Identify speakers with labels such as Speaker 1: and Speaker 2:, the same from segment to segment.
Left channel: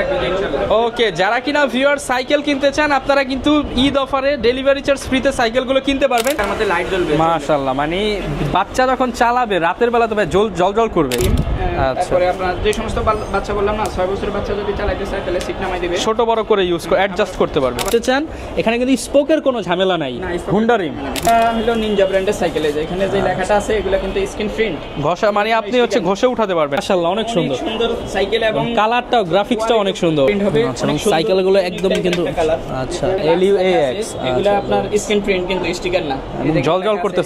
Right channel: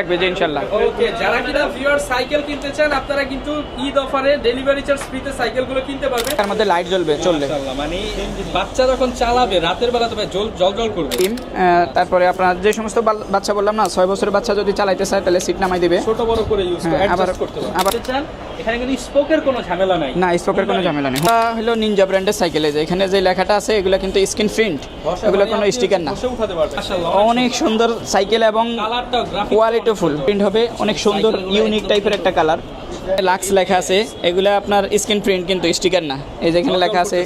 Speaker 1: থাকবে যে ইনশাল্লাহ
Speaker 2: ওকে, যারা কিনা ভিউয়ার সাইকেল কিনতে চান, আপনারা কিন্তু ঈদ অফারে ডেলিভারি চার্জ ফ্রিতে সাইকেলগুলো কিনতে পারবেন।
Speaker 1: তার মধ্যে লাইট জ্বলবে।
Speaker 2: মাশাআল্লাহ মানে বাচ্চা যখন চালাবে, রাতের বেলা তবে জল জল করবে।
Speaker 1: তারপরে আপনার যে সমস্ত বাচ্চা বললাম না ছয় বছরের বাচ্চা যদি চালাইতে চায় তাহলে সিট নামাই দিবে।
Speaker 2: ছোট বড় করে ইউজ করে
Speaker 1: হ্যাঁ,
Speaker 2: অ্যাডজাস্ট করতে পারবে। আপনি চান? এখানে কিন্তু স্পোকের কোনো ঝামেলা নাই।
Speaker 1: না স্পোকের কোনো ঝামেলা নেই। এটা হলো নিনজা ব্র্যান্ডের সাইকেল এই যে এখানে যে লেখাটা আছে এগুলো কিন্তু স্ক্রিন প্রিন্ট
Speaker 2: ঘষা মানে আপনি হচ্ছে ঘষে উঠাতে পারবেন। মাশাআল্লাহ
Speaker 1: অনেক সুন্দর। সাইকেল এবং
Speaker 2: কালারটাও গ্রাফিক্সটা অনেক সুন্দর।
Speaker 1: প্রিন্ট হবে। অনেক সুন্দর
Speaker 3: সাইকেলগুলো
Speaker 1: ইউনিক টাইপের একটা কালার
Speaker 3: আচ্ছা।
Speaker 1: লাক্স লেখা আছে।
Speaker 2: আচ্ছা।
Speaker 1: এগুলো আপনার স্ক্রিন প্রিন্ট কিন্তু স্টিকার না। এই যে লেখা আছে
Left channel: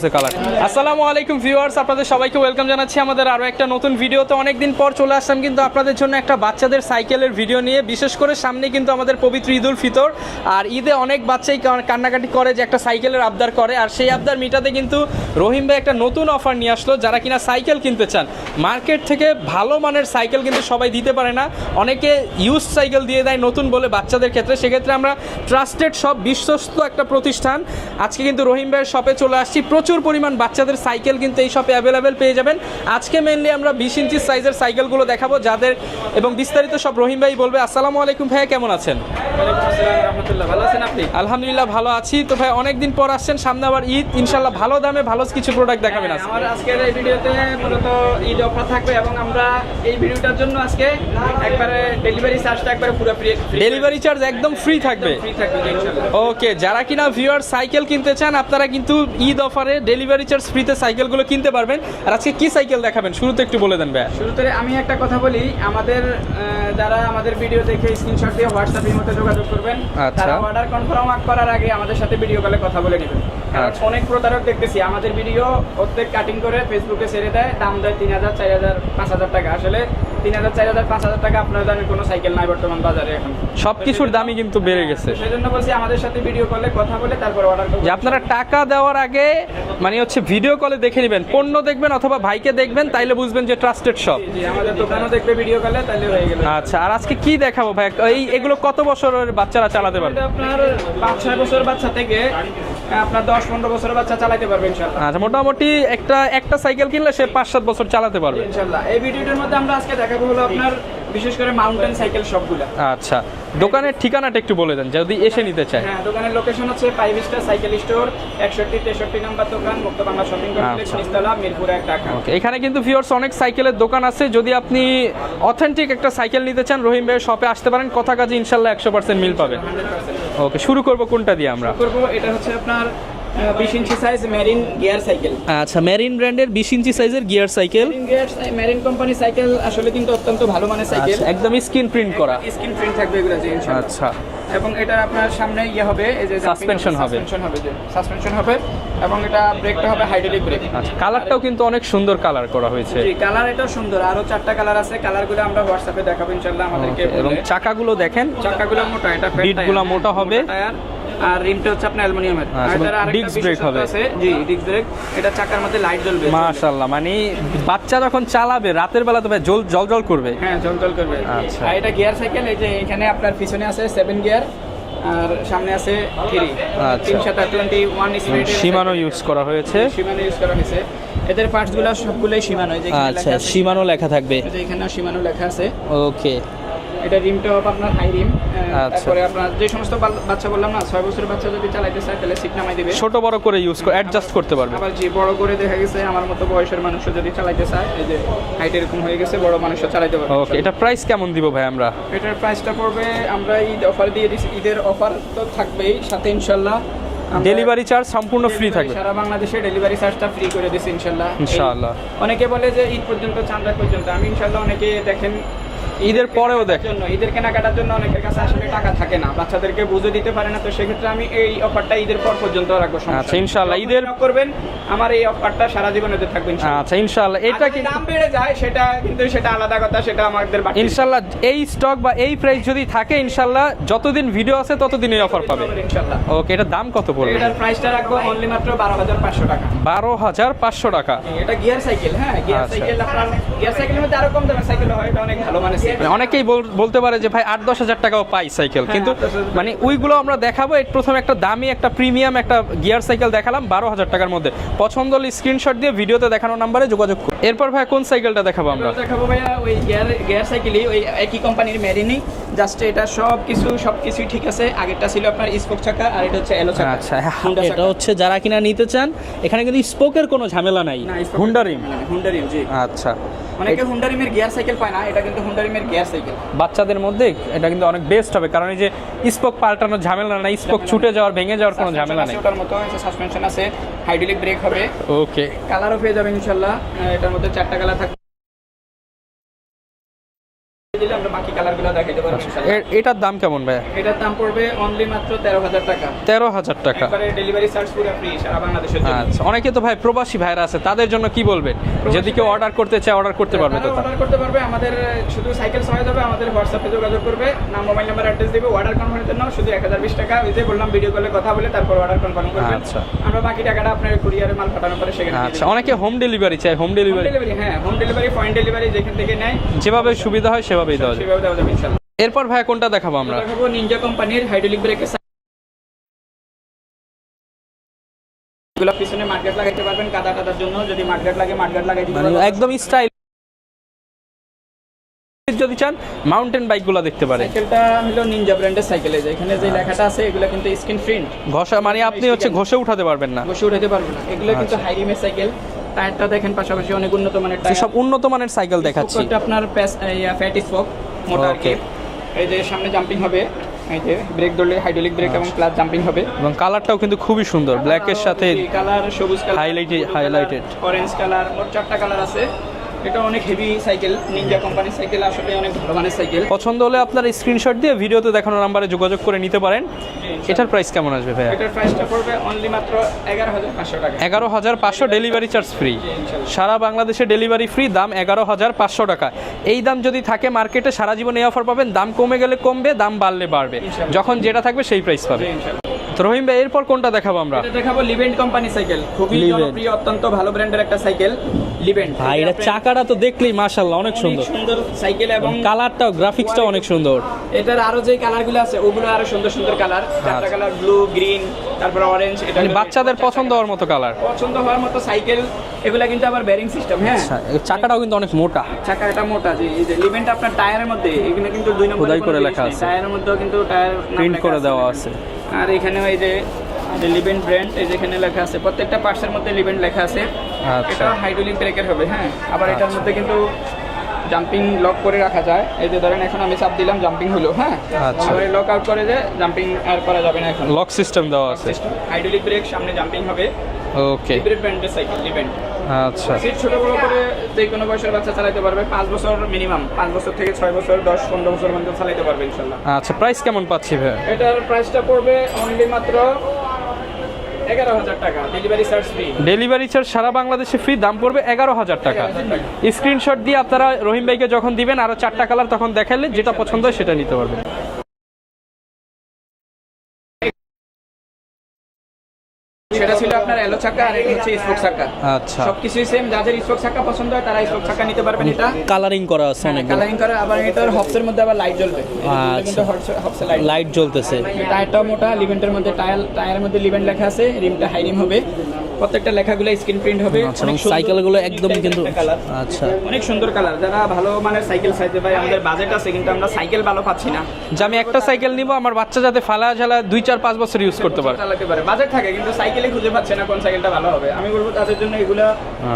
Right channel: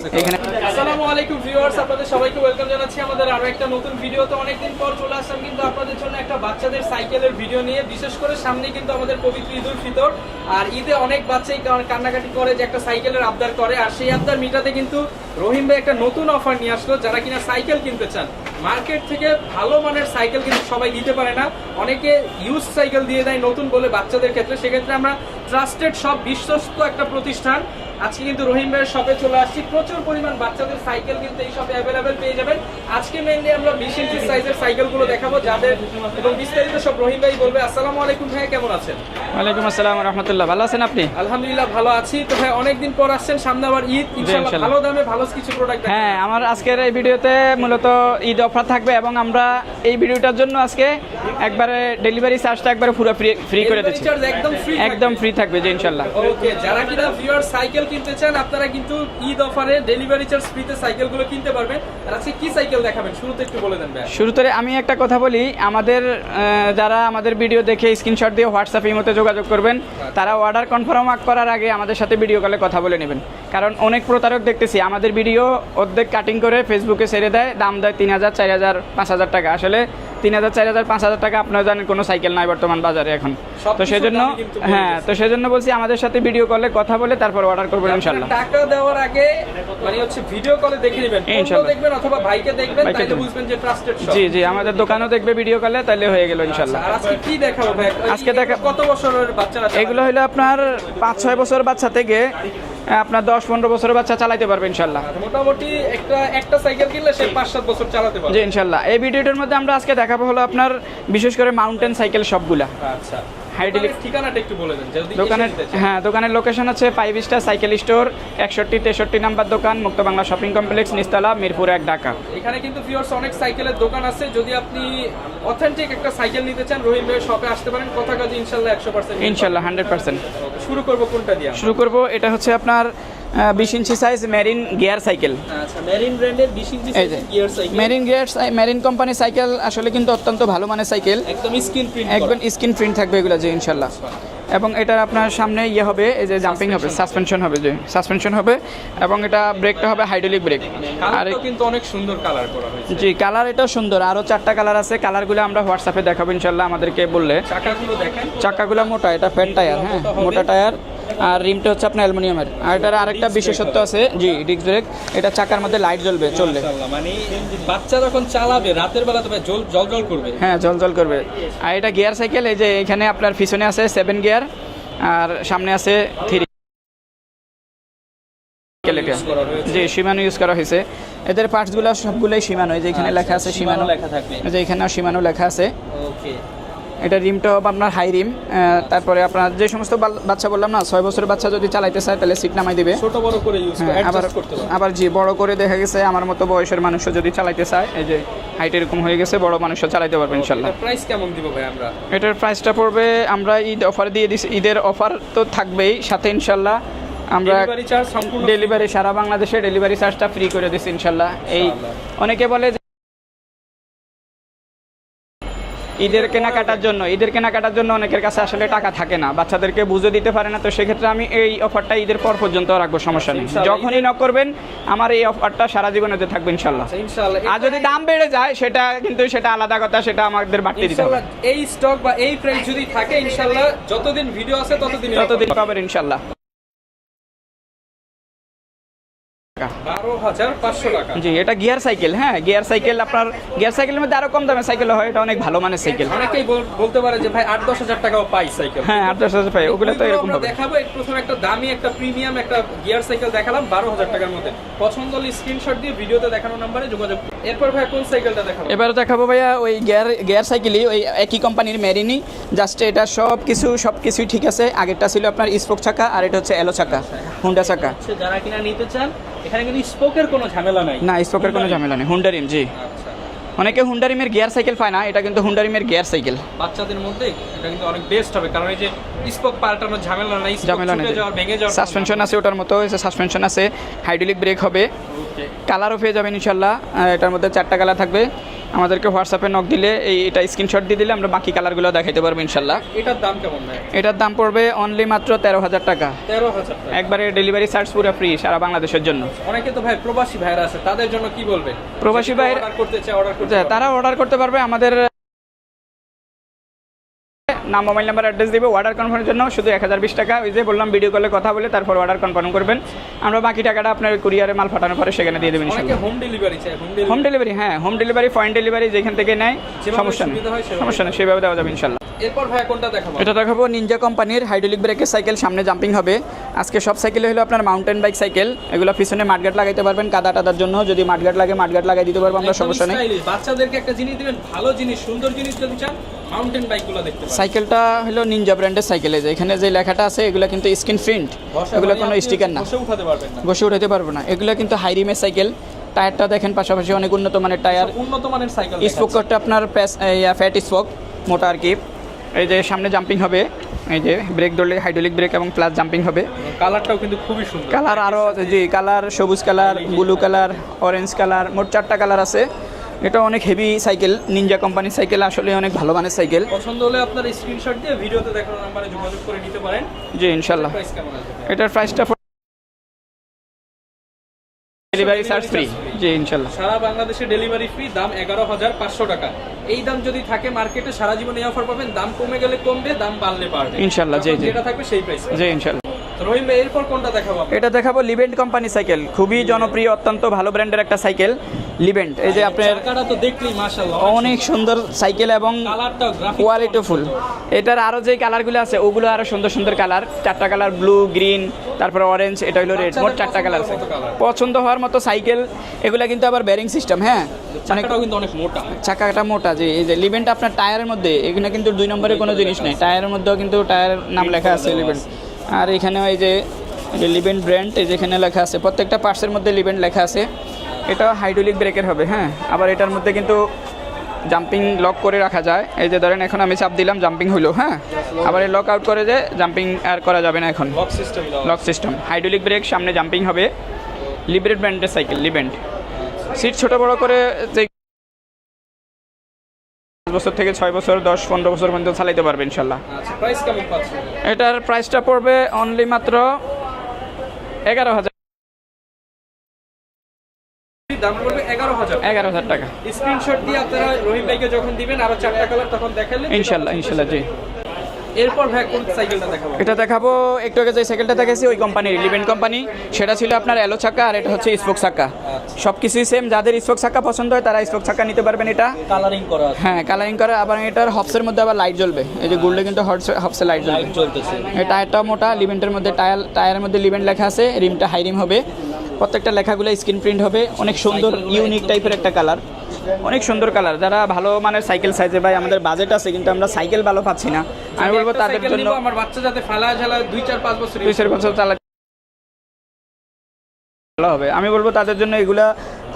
Speaker 2: আসসালামু আলাইকুম ভিউয়ার্স আপনাদের সবাইকে ওয়েলকাম জানাচ্ছি আমাদের আরও একটা নতুন ভিডিওতে অনেকদিন পর চলে আসলাম কিন্তু আপনাদের জন্য একটা বাচ্চাদের সাইকেলের ভিডিও নিয়ে, বিশেষ করে সামনে কিন্তু আমাদের পবিত্র ঈদ উল ফিতর। আর ঈদে অনেক বাচ্চাই কান্নাকাটি করে যে একটা সাইকেলের আবদার করে, আর সেই আবদার মিটাতে কিন্তু রহিম ভাই একটা নতুন অফার নিয়ে আসলো যারা কিনা সাইকেল কিনতে চান। মার্কেট থেকে ভালো মানের সাইকেল কিন্তু সবাই দিতে পারে না। অনেকে ইউজ সাইকেল দিয়ে দেয় নতুন বলে বাচ্চাদের ক্ষেত্রে। সেক্ষেত্রে আমরা ট্রাস্টেড সব বিশ্বস্ত একটা প্রতিষ্ঠান। আজকে কিন্তু রহিম ভাইয়ের শপে চলে আসছি। প্রচুর পরিমাণ বাচ্চাদের সাইকেল কিন্তু এই শপে অ্যাভেলেবেল পেয়ে যাবেন। আজকে মেনলি আমরা বিশ সাইজের সাইকেলগুলো দেখাবো যাদের এবং বিস্তারিত সব রহিম ভাই বলবে আসসালামু আলাইকুম ভাইয়া কেমন আছেন?
Speaker 1: ওয়ালাইকুম আসসালাম রহমতুল্লাহ ভালো আছেন আপনি?
Speaker 2: আলহামদুলিল্লাহ ভালো আছি। তো ভাই অনেকদিন পর আসছেন সামনে আবার ঈদ ইনশাল্লাহ। ভালো দামে ভালো কিছু প্রোডাক্ট দেখাবেন
Speaker 1: হ্যাঁ আমার আজকের এই ভিডিওতে মূলত ঈদ অফার থাকবে এবং আমরা এই ভিডিওটার জন্য আজকে একবারে ডেলিভারি চার্জটা একবারে পুরো ফ্রি ফ্রি
Speaker 2: ডেলিভারি চার্জ একদম ফ্রি থাকবে।
Speaker 1: একদম ফ্রি থাকবে জি ইনশাল্লাহ
Speaker 2: ওকে যারা কিনা ভিউয়ার সাইকেল কিনতে চান আপনারা কিন্তু ঈদ অফারে ডেলিভারি চার্জ ফ্রিতে সাইকেলগুলো কিনতে পারবেন। আর আজকে কি সাইকেল দেখাবেন? শুরুতে একটু বলে দেন ভাই
Speaker 1: শুরুতে আমি একটা কথা বলি আমাদের যারা আমাদের ভিডিও দেখে স্ক্রিনশট দিয়ে হোয়াটসঅ্যাপ ইমোতে যোগাযোগ করবেন
Speaker 2: আচ্ছা।
Speaker 1: তারা অর্ডার কনফার্ম করার আগে আমাদের সাথে ভিডিও কলে কথা বলে নেবেন কারণ
Speaker 2: আচ্ছা।
Speaker 1: অনেক প্রতারক দেখতেছি আমাদের ভিডিও অর্ধেক কাটিং করে ফেসবুকে ছেড়ে দেয় দাম দেয় তিন হাজার চার হাজার পাঁচ হাজার টাকা আসলে তিন হাজার চার হাজার পাঁচ হাজার টাকা আপনারা জানেন কোনো সাইকেল নাই বর্তমান বাজারে এখন।
Speaker 2: সব দামই কিন্তু বেড়ে
Speaker 1: হ্যাঁ,
Speaker 2: গেছে।
Speaker 1: তো সেজন্য বলছি আমাদের সাথে ভিডিও কলে কথা বলে তারপর অর্ডার করবেন
Speaker 2: আপনারা টাকা দেওয়ার আগে মানে হচ্ছে ভিডিও কলে দেখে নেবেন। পণ্য দেখবেন অথবা ভাইকে দেখবেন তাইলে বুঝবেন যে ট্রাস্টেড শপ
Speaker 1: জি জি আমাদের দোকানও দেখবে ভিডিও কলে তাহলে হয়ে গেল
Speaker 2: আচ্ছা
Speaker 1: ইনশাআল্লাহ
Speaker 2: আর আজকে কি দেখাবো ভাই?
Speaker 1: আজকে
Speaker 2: কত বছরের বাচ্চারা চালাতে
Speaker 1: এগুলো হলো আপনার পাঁচ ছয় বছর বাচ্চা থেকে আপনার দশ পনেরো বছরের বাচ্চা চালাতে পারবে ইনশাল্লাহ।
Speaker 2: আচ্ছা মোটামুটি একটা একটা সাইকেল কিনলে সে পাঁচ সাত বছর চালাতে পারবে।
Speaker 1: ইনশাল্লাহ। এই ভিডিওটির মধ্যে আমরা আজকে দেখাবো হলো আপনার বিশেষ করে মাউন্টেন সাইকেল সবগুলা
Speaker 2: আচ্ছা। দোকানের ঠিকানাটা একটু বলে দেন যদি এসে নিতে চায়।
Speaker 1: হ্যাঁ দোকানের লোকেশন হচ্ছে ফাইভ স্টার সাইকেল স্টোর একষট্টি তেষট্টি নাম্বার দোকান মুক্ত বাংলা শপিং কমপ্লেক্স নিস্তলা মিরপুর এক ঢাকা।
Speaker 2: এখানে কিন্তু ভিউয়ার্স অনেক সাইকেলের দোকান আছে। যদি আপনি অথেন্টিক একটা সাইকেল নিতে চান রহিম ভাই শপে আসতে পারেন। কথা কাজে ইনশাল্লাহ একশো পার্সেন্ট
Speaker 1: ইনশাল্লাহ হান্ড্রেড পার্সেন্ট
Speaker 2: ওকে শুরু করব কোনটা দিয়ে
Speaker 1: শুরু করব এটা হচ্ছে আপনার বিশ inch size Marin gear cycle
Speaker 2: আচ্ছা মেরিন ব্র্যান্ডের বিশ ইঞ্চি সাইজের gear cycle
Speaker 1: Marin gear Marin company cycle আসলে কিন্তু অত্যন্ত ভালো মানের সাইকেল
Speaker 2: একদম স্ক্রিন প্রিন্ট
Speaker 1: একদম স্ক্রিন প্রিন্ট থাকবে এগুলো যে ইনশাআল্লাহ।
Speaker 2: আচ্ছা।
Speaker 1: এবং এটা আপনার সামনে ইয়ে হবে এই যে জাম্পিং হবে সাসপেনশন হবে। যে সাসপেনশন হবে এবং এটা ব্রেকটা হবে হাইড্রোলিক ব্রেক
Speaker 2: কালারটাও কিন্তু অনেক সুন্দর কালার করা হয়েছে।
Speaker 1: জি কালার এটা সুন্দর। আরও চারটা কালার আছে কালারগুলো আমরা হোয়াটসঅ্যাপে দেখাবো ইনশাআল্লাহ আমাদেরকে বললে।
Speaker 2: চাকাগুলো দেখেন।
Speaker 1: চাকাগুলো মোটা এটা ফ্যাট টায়ার
Speaker 2: মোটা হবে।
Speaker 1: টায়ার আর রিমটা হচ্ছে আপনার অ্যালুমিনিয়ামের।
Speaker 2: আচ্ছা,
Speaker 1: আর এটার আরেকটা বিশেষত্ব আছে জি ডিস্ক ব্রেক এটা চাকার মধ্যে লাইট জ্বলবে
Speaker 2: মাশাআল্লাহ মানে বাচ্চা যখন চালাবে রাতের বেলা তো জল জল জল করবে।
Speaker 1: হ্যাঁ জল জল করবে।
Speaker 2: আচ্ছা।
Speaker 1: আর এটা গিয়ার সাইকেল এই যে এখানে আপনার পিছনে আছে সেভেন গিয়ার আর সামনে আছে থ্রি
Speaker 2: আচ্ছা।
Speaker 1: তিন সাথে টোয়েন্টি ওয়ান
Speaker 2: সীমানো ইউজ করা হয়েছে।
Speaker 1: সীমানো ইউজ করা হয়েছে। এদের পার্টসগুলো সবগুলোই সীমানো এই যে এখানে লেখা
Speaker 2: আচ্ছা
Speaker 1: আছে
Speaker 2: সীমানো লেখা থাকবে।
Speaker 1: এই যে এখানেও সীমানো লেখা আছে।
Speaker 2: ওকে
Speaker 1: এটা রিমটা হবে আপনার হাই রিম
Speaker 2: আচ্ছা।
Speaker 1: তারপরে আপনার যে সমস্ত বাচ্চা বললাম না ছয় বছরের বাচ্চা যদি চালাইতে চায় তাহলে সিট নামাই দিবে
Speaker 2: ছোট বড় করে ইউজ করে অ্যাডজাস্ট করতে পারবে
Speaker 1: আবার জি বড় করে দেখা গেছে আমার মতো বয়সের মানুষও যদি চালাইতে চায় এই যে হাইট এরকম হয়ে গেছে বড় মানুষও চালাইতে পারবে ইনশাআল্লাহ।
Speaker 2: এটা প্রাইস কেমন দিব ভাই আমরা
Speaker 1: এটার প্রাইসটা পড়বে আমরা ঈদ অফার দিয়ে দিছি ঈদের অফার তো থাকবেই সাথে ইনশাল্লাহ আমরা
Speaker 2: ডেলিভারি চার্জ সম্পূর্ণ ফ্রি থাকবে
Speaker 1: সারা বাংলাদেশে ডেলিভারি চার্জটা ফ্রি করে দিছি ইনশাল্লাহ এই-
Speaker 2: ইনশাআল্লাহ।
Speaker 1: অনেকে বলে যে ঈদ পর্যন্ত চাঁদা পর্যন্ত আমি ইনশাল্লাহ অনেকে দেখেন ঈদের কেনাকাটার জন্য ঈদের কেনাকাটার জন্য অনেকের কাছে আসলে টাকা থাকে না। বাচ্চাদেরকে বুঝে দিতে পারে না তো সেক্ষেত্রে আমি এই অফারটা ঈদের পর পর্যন্ত রাখব সমস্যা
Speaker 2: আচ্ছা। ইনশাআল্লাহ,
Speaker 1: যখনই ন করবেন আমার এই অফারটা সারা জীবনেতে থাকবে ইনশাল্লাহ
Speaker 2: আচ্ছা ইনশাআল্লাহ। এটা
Speaker 1: যদি দাম বেড়ে যায় সেটা কিন্তু সেটা আলাদা কথা সেটা আমাদের
Speaker 2: ইনশাআল্লাহ এই স্টক বা এই প্রাইস যদি থাকে ইনশাআল্লাহ যতদিন ভিডিও আছে
Speaker 1: ততদিন পাবেন।
Speaker 2: ওকে এটা দাম কত পড়বে?
Speaker 1: এটার প্রাইসটা রাখব অনলি মাত্র বারো হাজার পাঁচশো টাকা।
Speaker 2: বারো হাজার পাঁচশো টাকা।
Speaker 1: জি এটা গিয়ার সাইকেল হ্যাঁ গিয়ার
Speaker 2: আচ্ছা।
Speaker 1: সাইকেল আপনার গিয়ার সাইকেলের মধ্যে আরও কম দামের সাইকেল হয় এটা অনেক ভালো মানের সাইকেল
Speaker 2: অনেকেই বলতে পারে যে ভাই আট দশ হাজার টাকাও পাই সাইকেল
Speaker 1: হ্যাঁ,
Speaker 2: কিন্তু
Speaker 1: 8-10,000 পাই,
Speaker 2: মানে ওইগুলো আমরা দেখাবো। প্রথমে একটা দামি একটা প্রিমিয়াম একটা গিয়ার সাইকেল দেখালাম বারো হাজার টাকার মধ্যে। পছন্দ হলে স্ক্রিনশট দিয়ে ভিডিওতে দেখানো নাম্বারে যোগাযোগ করুন। এরপর ভাই কোন সাইকেলটা দেখাবো
Speaker 1: এবার দেখাবো ভাইয়া ওই গিয়ার গিয়ার সাইকেলই ওই একই কোম্পানির মেরিনি জাস্ট এটা সব কিছু সব কিছুই ঠিক আছে। আগেরটা ছিল আপনার স্পোক চাকা আর এটা হচ্ছে এলো চাকা।
Speaker 2: আচ্ছা
Speaker 1: হুন্ডা চাকা।
Speaker 2: হচ্ছে যারা কিনা নিতে চান এখানে কিন্তু স্পোকের কোনো ঝামেলা নাই।
Speaker 1: না স্পোকের কোনো। ঝামেলা নেই। হুন্ডারিম জি।
Speaker 2: আচ্ছা।
Speaker 1: অনেকে হুন্ডারিমের গিয়ার সাইকেল পায় না এটা কিন্তু হুন্ডারিমের গিয়ার সাইকেল।
Speaker 2: বাচ্চাদের মধ্যে এটা কিন্তু অনেক বেস্ট হবে কারণ এই যে স্পোক পাল্টানোর ঝামেলা নাই স্পোক ছুটে যাওয়ার ভেঙে যাওয়ার
Speaker 1: সাসপেনশন আছে ওটার মতো সাসপেনশন আছে হাইড্রোলিক ব্রেক হবে।
Speaker 2: ওকে
Speaker 1: কালারও পেয়ে যাবেন ইনশাল্লাহ আর এটার মধ্যে চারটা কালার থাকবে। আমাদেরকে হোয়াটসঅ্যাপে নক দিলে এই এটা স্ক্রিনশট দিয়ে দিলে আমরা বাকি কালারগুলো দেখাতে পারব ইনশাল্লাহ
Speaker 2: এটার দাম কেমন ভাই
Speaker 1: এটার দাম পড়বে অনলি মাত্র তেরো হাজার টাকা।
Speaker 2: তেরো হাজার টাকা।
Speaker 1: একবারে ডেলিভারি চার্জ পুরো ফ্রি সারা বাংলাদেশের জন্য।
Speaker 2: আচ্ছা, অনেকে তো ভাই প্রবাসী ভাইরা আছে তাদের জন্য কি বলবেন
Speaker 1: প্রবাসী
Speaker 2: ভাই অর্ডার করতে চায় অর্ডার করতে পারবে
Speaker 1: তারা অর্ডার করতে পারবে আমাদের শুধু সাইকেল সহায় যাবে আমাদের হোয়াটসঅ্যাপে যোগাযোগ করবে নাম মোবাইল নাম্বার অ্যাড্রেস দিবে অর্ডার কনফার্মের জন্য শুধু এক হাজার বিশ টাকা। ওই যে বললাম ভিডিও কলে কথা বলে তারপর অর্ডার কনফার্ম করবেন।
Speaker 2: আচ্ছা।
Speaker 1: আমরা বাকি টাকাটা আপনার কুরিয়ারে মাল পাঠানোর পরে সেখানে দিয়ে
Speaker 2: আচ্ছা,
Speaker 1: দেবেন
Speaker 2: অনেকে হোম ডেলিভারি চায় হোম
Speaker 1: হোম
Speaker 2: ডেলিভারি
Speaker 1: ডেলিভারি হ্যাঁ হোম ডেলিভারি পয়েন্ট ডেলিভারি যেখান থেকে নেয়
Speaker 2: যেভাবে সুবিধা হয় সেভাবে
Speaker 1: সেভাবে দেওয়া যাবে ইনশাল্লাহ।
Speaker 2: এরপর ভাই কোনটা দেখাবো
Speaker 1: এটা দেখাবো নিনজা কোম্পানির হাইড্রোলিক ব্রেকের সাইকেল সামনে জাম্পিং হবে। আজকে সব সাইকেলে হলো আপনার মাউন্টেন বাইক সাইকেল এগুলো পিছনে মাঠগাট লাগাইতে পারবেন কাদা টাদার জন্য। যদি মাঠগাট লাগে মাঠগাট লাগাই দিতে পারবেন
Speaker 2: একদম স্টাইলিশ বাচ্চাদেরকে একটা জিনিস দিবেন ভালো জিনিস সুন্দর জিনিস যদি চান মাউন্টেন বাইকগুলো দেখতে পারেন।
Speaker 1: সাইকেলটা হলো নিনজা ব্র্যান্ডের সাইকেল এই যে এখানে যে লেখাটা আছে এগুলো কিন্তু স্ক্রিন প্রিন্ট
Speaker 2: ঘষা মানে আপনি ঘষে উঠাতে পারবেন না।
Speaker 1: বসে উঠাতে পারব না। এগুলো কিন্তু হাই রিমের সাইকেল টায়ারটা দেখেন পাশাপাশি অনেক উন্নত মানের
Speaker 2: সব
Speaker 1: টায়ার।
Speaker 2: উন্নত মানের সাইকেল দেখাচ্ছি।
Speaker 1: স্পোকটা আপনার ফ্যাট স্পোক মোটা আর কি। এই যে সামনে জাম্পিং হবে এই যে ব্রেক ধরলে হাইড্রোলিক ব্রেক এবং প্লাস জাম্পিং হবে।
Speaker 2: এবং কালারটাও কিন্তু খুবই সুন্দর ব্ল্যাক এর সাথে
Speaker 1: কালার সবুজ colour blue colour orange colour মোট চারটা কালার আছে। এটা অনেক হেভি সাইকেল নিনজা কোম্পানির সাইকেল আসলে অনেক ভালো মানের সাইকেল
Speaker 2: পছন্দ হলে আপনার স্ক্রিনশট দিয়ে ভিডিওতে দেখানো নাম্বারে যোগাযোগ করে নিতে পারেন।
Speaker 1: যে
Speaker 2: এটার প্রাইস কেমন আসবে ভাই
Speaker 1: এটার প্রাইসটা পড়বে অনলি মাত্র এগারো হাজার পাঁচশো টাকা।
Speaker 2: এগারো হাজার পাঁচশো ডেলিভারি চার্জ ফ্রি
Speaker 1: জি ইনশাল্লাহ
Speaker 2: সারা বাংলাদেশে ডেলিভারি ফ্রি দাম এগারো হাজার পাঁচশো টাকা। এই দাম যদি থাকে মার্কেটে সারা জীবন এই অফার পাবেন। দাম কমে গেলে কমবে দাম বাড়লে বাড়বে।
Speaker 1: ইনশাল্লাহ,
Speaker 2: যখন। যেটা থাকবে সেই প্রাইস পাবে
Speaker 1: ইনশাল্লাহ
Speaker 2: তো রহিম ভাই এরপর কোনটা দেখাবো আমরা?
Speaker 1: এটা দেখাবো লিভেন্ট কোম্পানি সাইকেল খুবই জনপ্রিয় অত্যন্ত ভালো ব্র্যান্ডের একটা সাইকেল
Speaker 2: চাকাটা তো দেখলেই মাশাআল্লাহ অনেক সুন্দর।
Speaker 1: সাইকেল এবং
Speaker 2: কালারটাও গ্রাফিক্সটাও অনেক সুন্দর।
Speaker 1: এটার আরও যে কালারগুলো আছে ওগুলো আরও সুন্দর সুন্দর কালার। চারটা কালার ব্লু গ্রিন তারপরে অরেঞ্জ এটা
Speaker 2: মানে বাচ্চাদের পছন্দ হওয়ার মতো colour।
Speaker 1: পছন্দ হওয়ার মতো সাইকেল এগুলা কিন্তু আবার ব্যারিং সিস্টেম হ্যাঁ?
Speaker 2: চাকাটাও কিন্তু অনেক মোটা।
Speaker 1: চাকাটা মোটা যে এই যে লিভেন্ট আপনার টায়ারের মধ্যে এগুলো কিন্তু দুই নম্বরে কোনো জিনিস নেই। টায়ারের মধ্যেও কিন্তু টায়ার নাম লেখা আছে। আর এখানে ওই যে লিভেন্ট ব্র্যান্ড এই যেখানে লেখা আছে প্রত্যেকটা পার্টসের মধ্যে লিভেন্ট লেখা আছে।
Speaker 2: আচ্ছা।
Speaker 1: এটা হাইড্রোলিক ব্রেকের হবে হ্যাঁ? আবার এটার মধ্যে কিন্তু জাম্পিং লক করে রাখা যায়। এই যে ধরেন এখন আমি চাপ দিলাম জাম্পিং হলো হ্যাঁ?
Speaker 2: আচ্ছা।
Speaker 1: আবার লক আউট করে যে জাম্পিং আর করা যাবে না এখন।
Speaker 2: লক সিস্টেম দেওয়া
Speaker 1: লক সিস্টেম হাইড্রোলিক ব্রেক সামনে জাম্পিং হবে।
Speaker 2: ওকে
Speaker 1: লিভেন্ট ব্র্যান্ডের সাইকেল লিভেন্ট
Speaker 2: আচ্ছা।
Speaker 1: সিট ছোট বড় করে যে কোনো বয়সের বাচ্চা চালাতে পারবে পাঁচ বছর মিনিমাম পাঁচ বছর থেকে ছয় বছর দশ পনেরো বছর পর্যন্ত চালাতে পারবে ইনশাল্লাহ।
Speaker 2: আচ্ছা প্রাইস কেমন পাচ্ছি ভাই
Speaker 1: এটার প্রাইসটা পড়বে অনলি মাত্র এগারো হাজার টাকা। Delivery charge free
Speaker 2: delivery charge সারা বাংলাদেশে ফ্রি দাম পড়বে এগারো হাজার টাকা।
Speaker 1: এগারো হাজার টাকা।
Speaker 2: স্ক্রিনশট দিয়ে আপনারা রহিম ভাইকে যখন দিবেন আরও চারটা কালার তখন দেখালে যেটা পছন্দ সেটা
Speaker 1: দিতে
Speaker 2: নিতে পারবেন। এরপর ভাই কোন সাইকেলটা দেখাবো?
Speaker 1: এটা দেখাবো একটু আগে যে সাইকেলটা দেখাচ্ছি ওই কোম্পানির লিভেন্ট কোম্পানি সেটা ছিল আপনার এলো চাকা আর এটা হচ্ছে স্পোক চাকা।
Speaker 2: আচ্ছা।
Speaker 1: সবকিছুই সেম যাদের স্পোক চাকা পছন্দ হয় তারা স্পোক চাকা নিতে পারবেন এটা।
Speaker 3: কালারিং করা আছে
Speaker 1: হ্যাঁ কালারিং করে আবার এটার হবসের মধ্যে আবার লাইট জ্বলবে। এই যে গুলটা কিন্তু হবসে লাইট
Speaker 3: লাইট জ্বলতেছে।
Speaker 1: এই টায়ারটা মোটা লিভেন্টের মধ্যে টায়ার টায়ারের মধ্যে লিভেন্ট লেখা আছে রিমটা হাই রিম হবে। প্রত্যেকটা লেখাগুলো স্ক্রিন প্রিন্ট হবে। অনেক সুন্দর ইউনিক
Speaker 3: একদম
Speaker 1: টাইপের একটা কালার
Speaker 3: আচ্ছা।
Speaker 1: অনেক সুন্দর কালার যারা ভালো মানের সাইকেল সাইজে ভাই আমাদের বাজেট আছে কিন্তু আমরা সাইকেল ভালো পাচ্ছি না।
Speaker 2: আমি একটা সাইকেল নিব আমার বাচ্চা যাতে ফালা ঝালা দুই চার পাঁচ বছর ইউজ করতে পারে।
Speaker 1: চালাতে পারে। বাজেট থাকে কিন্তু সাইকেলে খুঁজে পাচ্ছে না কোন সাইকেলটা ভালো হবে। আমি বলব তাদের জন্য এগুলা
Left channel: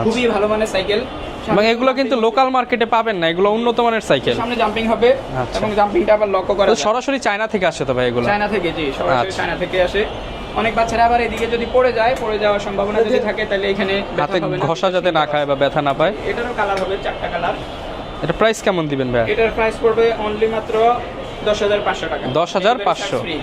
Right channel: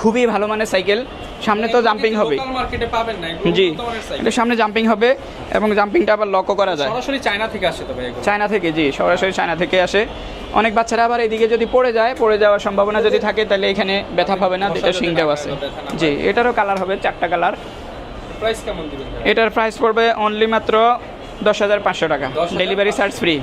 Speaker 1: খুবই ভালো মানের সাইকেল সামনে
Speaker 2: মানে
Speaker 1: তো জাম্পিং
Speaker 2: কিন্তু লোকাল মার্কেটে পাবেন না এগুলো উন্নত মানের সাইকেল
Speaker 1: সামনে জাম্পিং হবে এবং জাম্পিংটা আবার লকও করা
Speaker 2: সরাসরি চায়না থেকে আসে তো ভাই এগুলো?
Speaker 1: চায়না থেকে জি সরাসরি
Speaker 2: আচ্ছা।
Speaker 1: চায়না থেকে আসে। অনেক বাচ্চারা আবার এদিকে যদি পড়ে যায় পড়ে যাওয়ার সম্ভাবনা যদি থাকে তাহলে এখানে ব্যথা হবে না
Speaker 2: যাতে না খায় বা ব্যথা না পায়।
Speaker 1: এটারও কালার হবে চারটা কালার
Speaker 2: এটা প্রাইস কেমন দিবেন ভাই?
Speaker 1: এটার প্রাইস পড়বে অনলি মাত্র দশ হাজার পাঁচশো টাকা।
Speaker 2: 10,500
Speaker 1: delivery charge free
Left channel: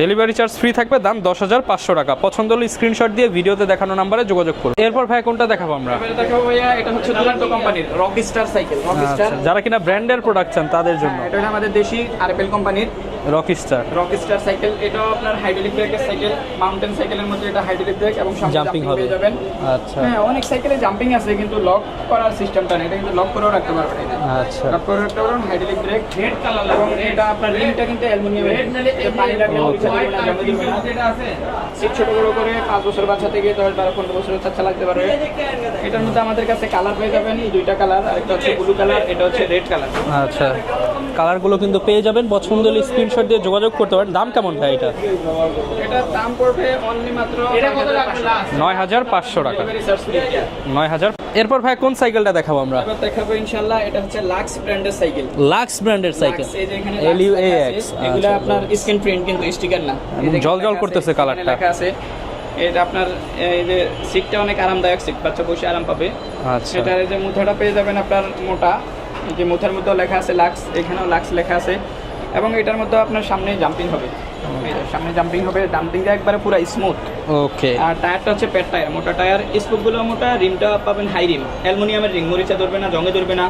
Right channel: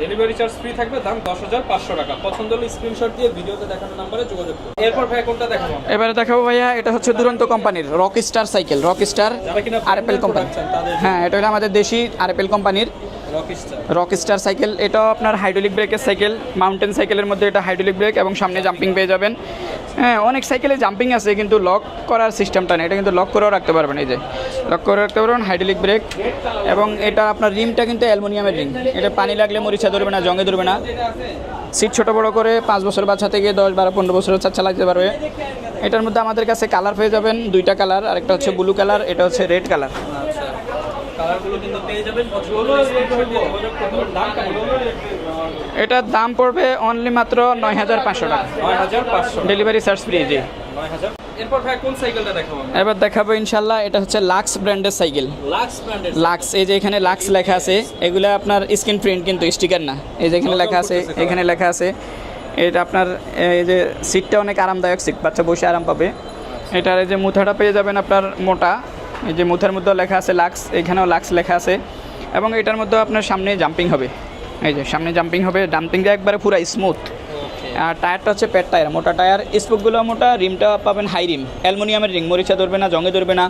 Speaker 2: delivery charge free থাকবে দাম দশ হাজার পাঁচশো টাকা। পছন্দ হলে স্ক্রিনশট দিয়ে ভিডিওতে দেখানো নাম্বারে যোগাযোগ করুন। এরপর ভাই কোনটা দেখাবো আমরা?
Speaker 1: এবারে দেখাবো ভাইয়া এটা হচ্ছে দুরন্ত কোম্পানির rock star cycle rock star
Speaker 2: যারা কিনা ব্র্যান্ডের প্রোডাক্ট চান তাদের
Speaker 1: হ্যাঁ এটা হলো আমাদের দেশি আরএপএল কোম্পানির
Speaker 2: rocky star
Speaker 1: rock star cycle এটাও আপনার হাইড্রোলিক ব্রেকের সাইকেল মাউন্টেন সাইকেলের মধ্যে এটা হাইড্রোলিক ব্রেক এবং সামনে জাম্পিং পেয়ে যাবেন।
Speaker 2: আচ্ছা।
Speaker 1: হ্যাঁ অনেক সাইকেলে জাম্পিং আছে কিন্তু লক করার সিস্টেমটা নেই। এটা কিন্তু লক করেও রাখতে পারবেন এই যে।
Speaker 2: আচ্ছা।
Speaker 1: লক করে রাখতে পারবেন হাইড্রোলিক ব্রেক এবং এটা আপনার রিংটা কিন্তু অ্যালুমিনিয়ামের রিং এটা পানি লাগলে মরিচা ধরবে না জঙ্গে ধরবে না। সিট ছোট বড় করে পাঁচ বছর বাচ্চা থেকে দশ বারো পনেরো বছরের বাচ্চা লাগতে পারবে। এটার মধ্যে আমাদের কাছে কালার পেয়ে যাবেন দুইটা কালার আরেকটা হচ্ছে ব্লু কালার এটা হচ্ছে রেড কালার
Speaker 2: আচ্ছা। কালারগুলো কিন্তু পেয়ে যাবেন পছন্দ হলে স্ক্রিনশট দিয়ে যোগাযোগ করতে পারেন। দাম কেমন ভাই এটা?
Speaker 1: এটার দাম পড়বে অনলি মাত্র নয় হাজার পাঁচশো
Speaker 2: নয় হাজার পাঁচশো
Speaker 1: ডেলিভারি চার্জ ফ্রি
Speaker 2: নয় হাজার এরপর ভাই কোন সাইকেলটা দেখাবো আমরা?
Speaker 1: এবার দেখাবো ইনশাল্লাহ এটা হচ্ছে লাক্স ব্র্যান্ডের সাইকেল
Speaker 2: লাক্স ব্র্যান্ডের
Speaker 1: লাক্স এই যে এখানে লাক্স লেখা আছে এগুলো আপনার স্ক্রিন প্রিন্ট কিন্তু স্টিকার না। এই যে এখানে লেখা আছে এখানে লেখা আছে এটা আপনার এই যে সিটটা অনেক আরামদায়ক সিট বাচ্চা বসে আরাম পাবে।
Speaker 2: আচ্ছা।
Speaker 1: এটার এই যে মুথাটা পেয়ে যাবেন আপনার মোটা এই যে মুথার মধ্যেও লেখা আছে লাক্স এখানেও লাক্স লেখা আছে। এবং এটার মধ্যে আপনার সামনে জাম্পিং হবে। এই যে সামনে জাম্পিং হবে জাম্পিংটা একবারে পুরো স্মুথ
Speaker 2: ওকে
Speaker 1: আর টায়ারটা হচ্ছে পেট টায়ার মোটা টায়ার স্পোকগুলো মোটা রিমটা পাবেন হাই রিম অ্যালুমিনিয়ামের রিং মরিচা ধরবে না জঙ্গে ধরবে না।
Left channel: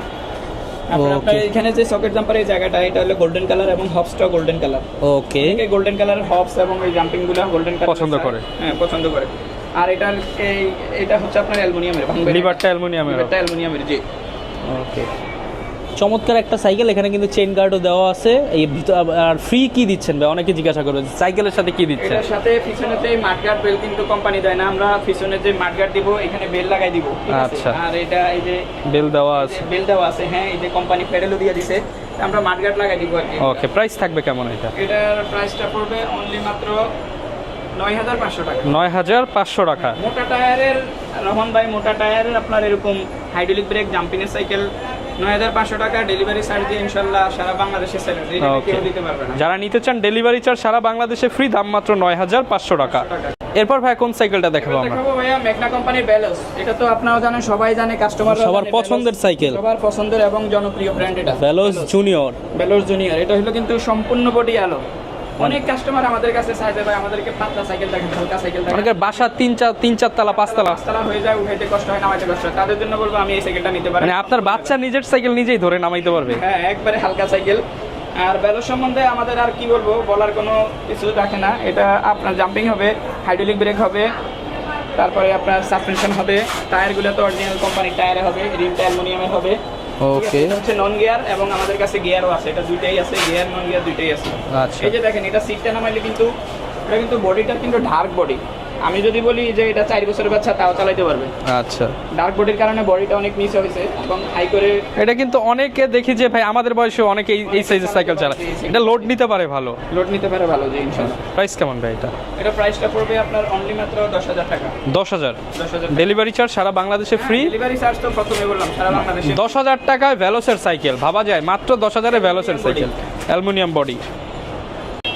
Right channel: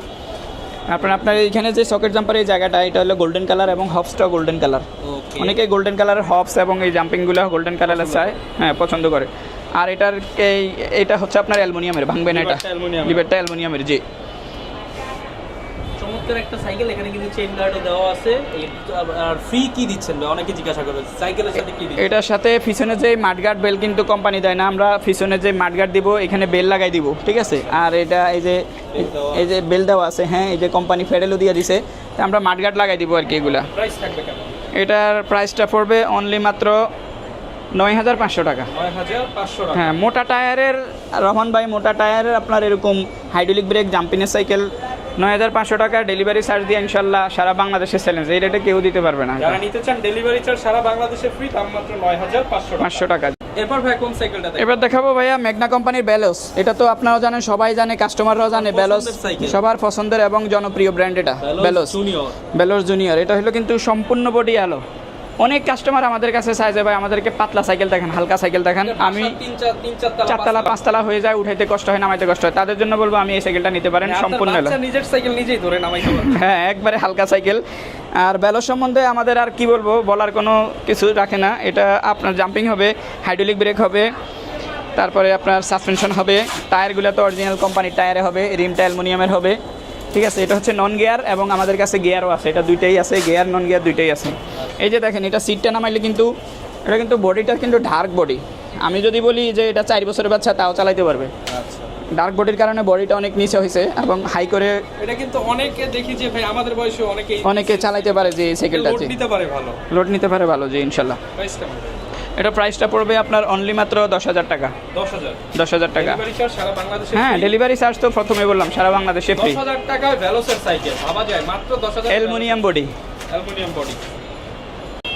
Speaker 1: আপনার আপনার এখানে যে সকেট জাম্পার এই জায়গাটা এটা হলো গোল্ডেন কালার এবং হবসটাও গোল্ডেন কালার
Speaker 2: ওকে
Speaker 1: অনেকে গোল্ডেন কালারের হবস এবং এই জাম্পিংগুলো গোল্ডেন কালারের
Speaker 2: পছন্দ করে।
Speaker 1: হ্যাঁ পছন্দ করে। আর এটার এই এটা হচ্ছে আপনার অ্যালুমিনিয়ামের ভাঙবে না
Speaker 2: লিভারটা অ্যালুমিনিয়ামের।
Speaker 1: লিভারটা অ্যালুমিনিয়ামের জি।
Speaker 2: ওকে চমৎকার একটা সাইকেল এখানে কিন্তু চেন গার্ডও দেওয়া আছে। এই আর ফ্রি কি দিচ্ছেন ভাই অনেকে জিজ্ঞাসা করেন সাইকেলের সাথে কি দিচ্ছেন?
Speaker 1: এটার সাথে পিছনে যে মাঠগার্ড বেল কিন্তু কোম্পানি দেয় না আমরা পিছনে যে মাঠগার্ড দিব এখানে বেল লাগাই দিব ঠিক আছে?
Speaker 2: আচ্ছা।
Speaker 1: আর এটা এই যে
Speaker 2: বেল দেওয়া
Speaker 1: এই যে বেল দেওয়া আছে হ্যাঁ এই যে কোম্পানি ফেডেলও দিয়ে দিছে আমরা মাঠগার্ড লাগাই দিব আর কি এগুলো।
Speaker 2: ওকে প্রাইস থাকবে কেমন এটা?
Speaker 1: এটার প্রাইসটা পড়বে অনলি মাত্র নয় হাজার পাঁচশো টাকা।
Speaker 2: নয় হাজার পাঁচশো টাকা।
Speaker 1: হ্যাঁ মোটা টায়ারের রহমান ভাই মোটা টায়ারের আপনার এরকম হাইড্রোলিক ব্রেক জাম্পিংয়ের সাইকেল নয় হাজার পাঁচশো টাকা ডেলিভারি চার্জ দিয়ে ইনশাল্লাহ সারা বাংলাদেশে চ্যালেঞ্জ এই রেটে কেউ দিতে পারবে না।
Speaker 2: যারা নিতে চান ডেলিভারি চার্জ সারা বাংলাদেশে ফ্রি দাম মাত্র নয় হাজার পাঁচশো টাকা। এরপর ভাই কোন সাইকেলটা
Speaker 1: এবার
Speaker 2: দেখাবো
Speaker 1: দেখাবো ভাইয়া মেঘনা কোম্পানির ব্যালোস এটা তো আপনারা জানেন সবাই জানে কাস্টমাররাও জানে Veloz
Speaker 2: সাইকেল
Speaker 1: সবার পছন্দের এবং জনপ্রিয় ব্র্যান্ড এটা
Speaker 2: ব্যালোস জুনিয়র
Speaker 1: বেলোর জুনিয়র এটা হলো কিন্তু সম্পূর্ণ বডি আলো অনেক কাস্টমার আমাদের কাছে চায় যে ভাই আমাদেরকে পাতলা সাইকেল দেখেন হালকা সাইকেল দেখেন।
Speaker 2: বাসা
Speaker 1: আমি-
Speaker 2: তিন চার তিন চার তালা পাঁচ তালা
Speaker 1: পাঁচতলা হয়ে যায় উঠাইতে কষ্ট হয় নামাইতে কষ্ট হয়। তাদের জন্য বলব আমি এই সাইকেলটা নিতে পারেন
Speaker 2: মানে আপনার বাচ্চা নিজের সাইকেল নিজেই ধরে নামাইতে পারবে।
Speaker 1: হ্যাঁ একবারে হালকা সাইকেল আর বেলোর সম্বন্ধে আমাদের আর কি বলব বলার কোনো কিছু রাখে না। এটা আপনার জাম্পিং হবে হাইড্রোলিক ব্রেক হবে তারপরে আপনার সাসপেনশন হবে টায়ারগুলো তো অরিজিনাল কোম্পানির টায়ারে হবে রিমটা অ্যালুমিনিয়ামের হবে। ঠিক আছে এটা হচ্ছে নন গিয়ার এবং আমাদের কাছে গিয়ারও আছে। এটা দুইটাই আছে গিয়ার নন গিয়ার দুইটাই আছে।
Speaker 2: আচ্ছা।
Speaker 1: এই যে দেখেন এটা সিটটা নামাইলে কিন্তু এটা কিন্তু বডিটা কিন্তু ডার্ক বডি আমি যদি বলি যে এটা চার বছরের বাচ্চা তাও চালাতে পারবে।
Speaker 2: আচ্ছা।
Speaker 1: ডার্ক বডির কারণে বডিটা অনেক নিচে হয়েছে এবং হাই করে
Speaker 2: এটা কিন্তু অনেকে দেখি যে ভাই আমাদের বয়সে অনেকে এই
Speaker 1: অনেকে চালাতে পারে যে
Speaker 2: এটা লোড নিতে পারে ভালো।
Speaker 1: লোড নিতে পারে ভালো যে ইনশাল্লাহ।
Speaker 2: প্রাইস কেমন ভাই এটা?
Speaker 1: এটা প্রাইসটা পড়বে আপনার অনলি মাত্র দশ হাজার টাকা।
Speaker 2: দশ হাজার?
Speaker 1: দশ হাজার ডেলিভারি
Speaker 2: চার্জ সারা বাংলাদেশে ফ্রি
Speaker 1: ডেলিভারি চার্জ তো প্রথমে বললাম সারা বাংলাদেশে
Speaker 2: দশ হাজার টাকায় ভ্যালোসের সাইকেল ভাবা যায় মাত্র দশ হাজারে ভ্যালোসের
Speaker 1: Aluminium
Speaker 2: বডি অ্যালুমিনিয়াম বডি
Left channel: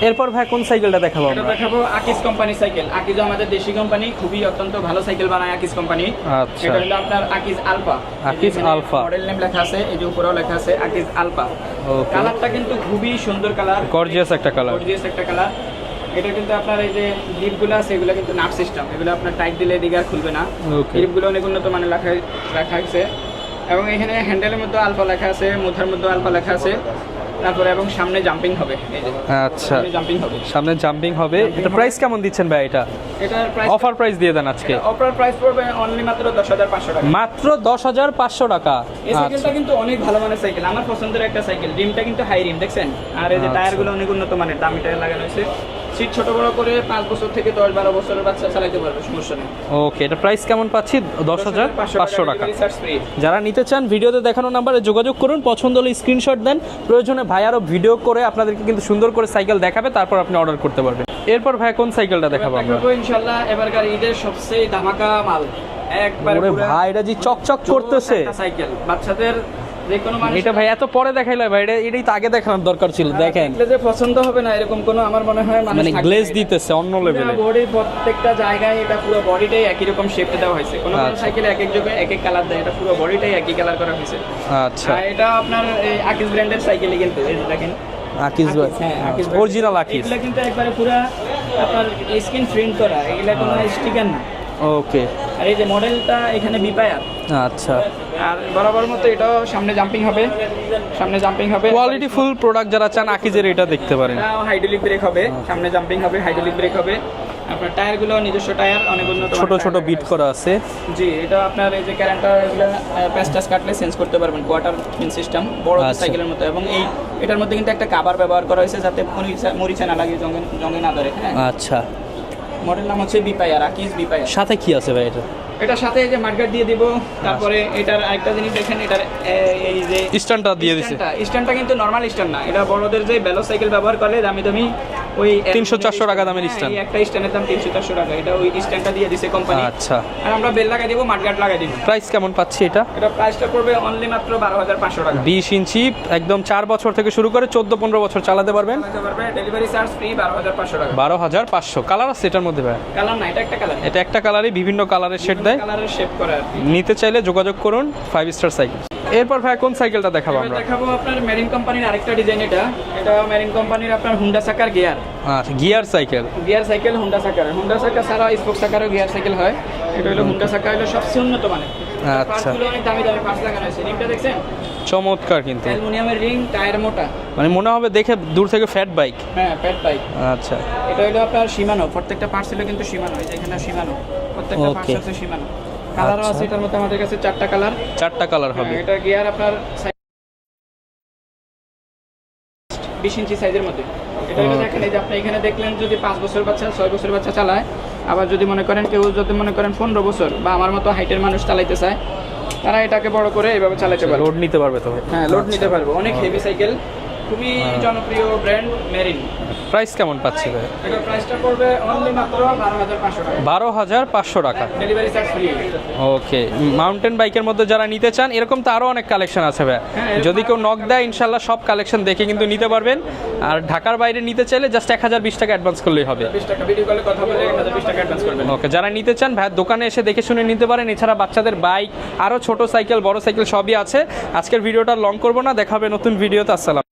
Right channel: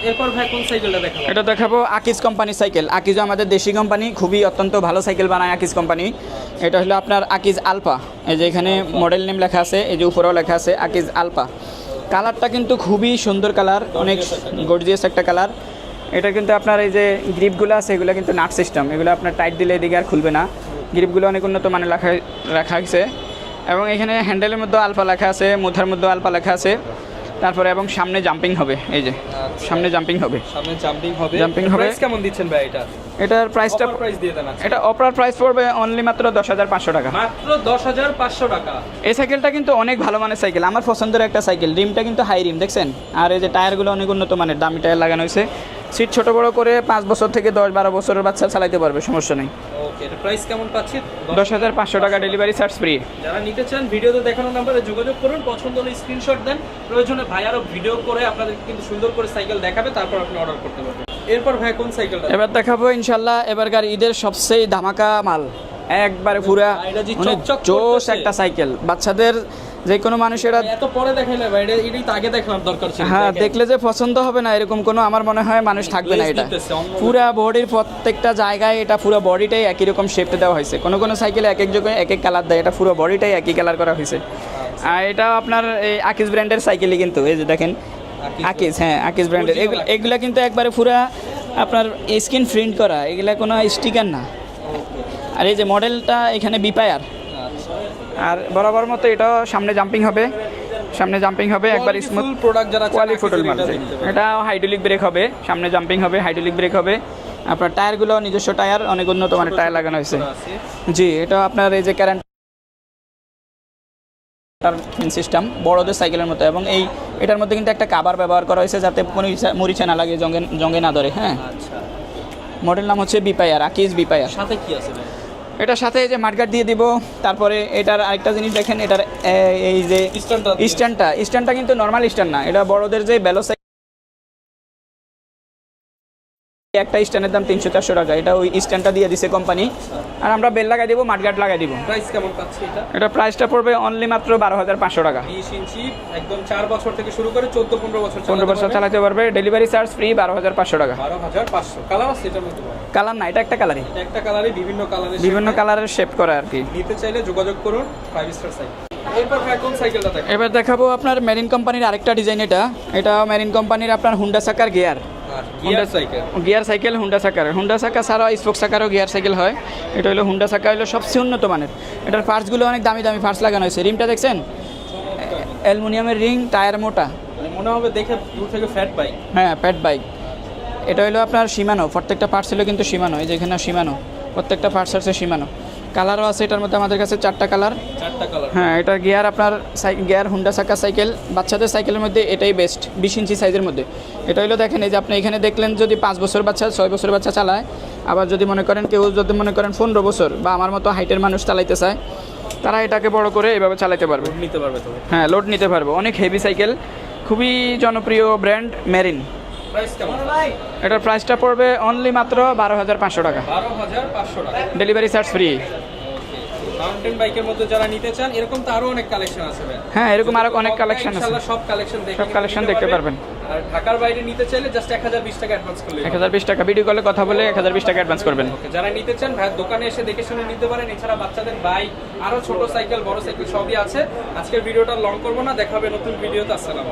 Speaker 2: এরপর ভাই কোন সাইকেলটা দেখাবো
Speaker 1: এটা দেখাবো আকিজ কোম্পানি সাইকেল আকিজ আমাদের দেশি কোম্পানি খুবই অত্যন্ত ভালো সাইকেল বানায় আকিজ কোম্পানি
Speaker 2: আচ্ছা।
Speaker 1: এটা হলো আপনার আকিজ আলপা এই যে এখানে মডেল নেম লেখা আছে এই যে উপরেও লেখা আছে আকিজ আলপা. কালারটা কিন্তু খুবই সুন্দর কালার
Speaker 2: Gorgeous একটা কালার
Speaker 1: গর্জিয়াস একটা কালার এটা কিন্তু আপনার এই যে গ্রিপগুলো আছে এগুলো কিন্তু নাট সিস্টেম এগুলো আপনার টাইট দিলে এদিকে আর খুলবে না. গ্রিপগুলো অনেক উন্নত মানে লেখা লেখা আছে এবং এখানে হ্যান্ডেলের মধ্যে আলপা লেখা আছে মুথার মধ্যে আলপা লেখা আছে। তারপরে এবং সামনে জাম্পিং হবে এই যে।
Speaker 2: আচ্ছা।
Speaker 1: সামনে জাম্পিং হবে।
Speaker 2: সামনে জাম্পিং হবে। প্রাইস কেমন দিচ্ছেন ভাই এটা?
Speaker 1: এটার প্রাইসটা
Speaker 2: অফার প্রাইস দিয়ে দেন আজকে।
Speaker 1: এটা অফার প্রাইস পড়বে অনলি মাত্র দশ হাজার পাঁচশো টাকা।
Speaker 2: মাত্র দশ হাজার পাঁচশো টাকা।
Speaker 1: এই সাইকেলটা কিন্তু অনেক ভালো মানের সাইকেল আমার পছন্দের একটা সাইকেল রিমটা কিন্তু হাই রিম দেখছেন? আর এই যে
Speaker 2: আচ্ছা।
Speaker 1: টায়ারগুলো অনেক উন্নত মানের দামি টায়ার লাগানো হয়েছে। সিট ছোট বড় করে পাঁচ বছর থেকে দশ বারো বছরের বাচ্চা চালাতে পারবে সমস্যা নেই।
Speaker 2: ওকে এটা প্রাইস কেমন পাচ্ছি?
Speaker 1: দশ হাজার পাঁচশো টাকা ডেলিভারি চার্জ ফ্রি
Speaker 2: যারা নিতে চান ভিডিওতে দেখানো নাম্বারে যোগাযোগ করুন পছন্দ হলে স্ক্রিনশট দেন। প্রয়োজনে ভাই আরও ভিডিও করে আপনাদেরকে কিন্তু সুন্দর করে সাইকেল দেখাবে তারপর আপনি অর্ডার করতে পারবেন। এরপর ভাই কোন সাইকেলটা
Speaker 1: এবার
Speaker 2: দেখাবো
Speaker 1: ইনশাল্লাহ এবারকার ঈদের সবচেয়ে ধামাকা মাল। একবার পুরা
Speaker 2: ভাই, এটা যে
Speaker 1: মানে
Speaker 2: চকচক করতেছে।
Speaker 1: একটা সাইকেল বাচ্চাদের যে কোনো মানুষের
Speaker 2: ভাই এত পরে দেখাইলে ভাই এটা এটাই তো আগে দেখানোর দরকার ছিল
Speaker 1: হ্যাঁ দেখলে যে পছন্দ হবে না এরকম কোনো আমার মনে হয় মানুষ
Speaker 2: মানে
Speaker 1: থাকবে না
Speaker 2: দিতেছে অন্য
Speaker 1: পুরো বডির প্রত্যেকটা জায়গায় এটা পুরো বডিটাই একই রকম শেপে দেওয়া হয়েছে। কোনো কোনো
Speaker 2: আচ্ছা।
Speaker 1: সাইকেলে এক এক জায়গায় এক এক কালার দেয় এটা পুরো বডিটাই একই কালার করা হয়েছে।
Speaker 2: আচ্ছা।
Speaker 1: আর এটা আপনার এই আকিজ ব্র্যান্ডের সাইকেলই কিন্তু এই যে দেখেন। হ্যাঁ ব্র্যান্ডের
Speaker 2: আকিজ।
Speaker 1: কিন্তু একবারে পুরো আপনার স্ক্রিন প্রিন্ট করা এগুলা কোনো স্টিকার না।
Speaker 2: ওকে।
Speaker 1: আর এই যে মডেলটা এখানে বিপায়ার
Speaker 2: আচ্ছা।
Speaker 1: আর বরাবর মতো এটা সামনে জাম্পিং হবে। সামনে জাম্পিং হবে
Speaker 2: কোয়ালিটি ফুল প্রোডাক্ট যারা চান আকিজের এটা দেখতে পারেন।
Speaker 1: এটা হাইড্রোলিক ব্রেক হবে সামনে জাম্পিং হবে হাইড্রোলিক ব্রেক হবে। আপনার টায়ারগুলো নিজস্ব টায়ার অনেক উন্নত
Speaker 2: ছোট ছোট বিট করা আছে।
Speaker 1: জি এটা আপনার এই যে ক্যারেন্টার প্যাস্টাস কাটলে চেঞ্জ করতে পারবেন কোয়ার্টার পিন সিস্টেম বড়দের
Speaker 2: আচ্ছা।
Speaker 1: সাইকেলের মতো। এবং এই এটার মধ্যে কিন্তু একটা কাবার ব্যবহার করা হয়েছে যাতে মরিচা না লাগে জঙ্গে জঙ্গে না ধরে হ্যাঁ।
Speaker 2: আচ্ছা।
Speaker 1: মডেল নাম হচ্ছে বিপায়ার আকিজ বিপায়ার
Speaker 2: সাথে কি আছে ভাই এটা?
Speaker 1: এটার সাথে এই যে মার্কার দিয়ে দিব তারপরে এটার আরেকটা জিনিস দেখেন এটার এই যে
Speaker 2: স্ট্যান্ডটা।
Speaker 1: স্ট্যান্ডটা স্ট্যান্ডটা কিন্তু নর্মাল স্ট্যান্ড না এটা বড়দের যে বেলো সাইকেল ব্যবহার করে দামি দামি ওই
Speaker 2: 300-400 টাকা দামের
Speaker 1: হ্যাঁ। এই একটা স্ট্যান্ডের দাম তিনশো চারশো টাকা। এটা ওই স্ট্যান্ডটা দিয়ে দিছে কোম্পানি
Speaker 2: আচ্ছা।
Speaker 1: আর আমরা বেল লাগাই দিব মাঠগার্ড লাগাই দিব।
Speaker 2: প্রাইস কেমন পাচ্ছি এটা?
Speaker 1: এটা প্রাইসটা পড়বে অনলি মাত্র বারো হাজার পাঁচশো টাকা।
Speaker 2: বিশ ইঞ্চি একদম চার বছর থেকে শুরু করে চোদ্দ পনেরো বছর চালাতে পারবে
Speaker 1: চালাতে পারবে। ডেলিভারি চার্জ ফ্রি বারো হাজার পাঁচশো টাকা।
Speaker 2: বারো হাজার পাঁচশো। কালার আছে এটার মধ্যে ভাই?
Speaker 1: কালার না এটা একটা কালার
Speaker 2: এটা একটা কালারই বিভিন্ন কালারের
Speaker 1: বিভিন্ন কালারের শেপ করা আর কি।
Speaker 2: নিতে চাইলে যোগাযোগ করুন ফাইভ স্টার সাইকেল এরপর ভাই কোন সাইকেলটা দেখাবো
Speaker 1: এবার দেখাবো আপনার মেরিন কোম্পানির আরেকটা ডিজাইন এটা। এটা মেরিন কোম্পানির আপনার হুন্ডা সাকার গিয়ার
Speaker 2: আচ্ছা গিয়ার সাইকেল
Speaker 1: গিয়ার সাইকেল হুন্ডা সাকার হুন্ডা সাকা ছাড়া স্পোক সাকারও গিয়ার সাইকেল হয়। এটা হলো হুন্ডা সাকা হলো সবচেয়ে উন্নত মানের।
Speaker 2: আচ্ছা।
Speaker 1: পার্টসগুলো অনেক দামি দামি পার্টস লাগানো হয়েছে। রিংটা দেখছেন?
Speaker 2: চমৎকার কিন্তু।
Speaker 1: অ্যালুমিনিয়ামের রিং টায়ার মোটা।
Speaker 2: মানে মনে হবে দেখে দূর থেকে ফ্যাট বাইক
Speaker 1: হ্যাঁ ফ্যাট বাইক
Speaker 2: আচ্ছা।
Speaker 1: এটা হলো আপনার সীমানো প্রত্যেকটা পার্টস হলো কিন্তু সীমানো এই যে এখানে সীমানো প্রত্যেকটা পার্টস আছে সীমানো কালারও আছে এটার মধ্যে আমাদের কাছে চারটা কালার
Speaker 2: চারটা কালার
Speaker 1: হ্যাঁ এটা গিয়ার আপনার গিয়ার হুন্ডা সাকা সাইকেল বাচ্চাদের সাইকেলের মধ্যে এটাই বেস্ট বিশ ইঞ্চি সাইজের মধ্যে। এটা হলো দেখেন এই যে আপনি এখানে দেখলেন যদি পাঁচ বছর বাচ্চা ছয় বছর বাচ্চা চালায় আবার যদি মনে করেন কেউ যদি মনে করেন পনেরো বছর বা আমার মতো হাইটের মানুষ চালাইতে চায় তারা এটাকে বড় করে এভাবে চালাতে পারবে।
Speaker 2: লোড নিতে পারবে তবে
Speaker 1: হ্যাঁ লোড নিতে পারবে। অনেক হেভি সাইকেল খুবই জনপ্রিয় ব্র্যান্ড মেরিন
Speaker 2: প্রাইস কেমন পাচ্ছি?
Speaker 1: এটার প্রাইসটা পড়বে অনলি মাত্র বারো হাজার পাঁচশো টাকা।
Speaker 2: বারো হাজার পাঁচশো টাকা।
Speaker 1: Delivery charge free
Speaker 2: okay mountain বাইকের মধ্যে যারা নিতে চান এরকম তো আরও অনেক কালেকশন আছে ভাই।
Speaker 1: হ্যাঁ,
Speaker 2: যদি কেউ নক দেয় ইনশাআল্লাহ সব কালেকশন দেখে কিন্তু নিতে পারবেন। আর ঢাকার বাইরে নিতে চাইলে জাস্ট এক হাজার বিশ টাকা অ্যাডভান্স করলে
Speaker 1: এক হাজার বিশ টাকা ভিডিও কলে কথা বলে এক হাজার বিশ টাকা অ্যাডভান্স করবেন।
Speaker 2: ওকে যারা নিতে চান ভাই দোকানে এসে দেখে শুনে নিতে পারেন। এছাড়া বাচ্চাদের বাইক আরও ছোট সাইকেল বড় সাইকেল সবই আছে। আজকের ভিডিওটা লং করব না দেখাবে নতুন ভিডিওতে আসসালাম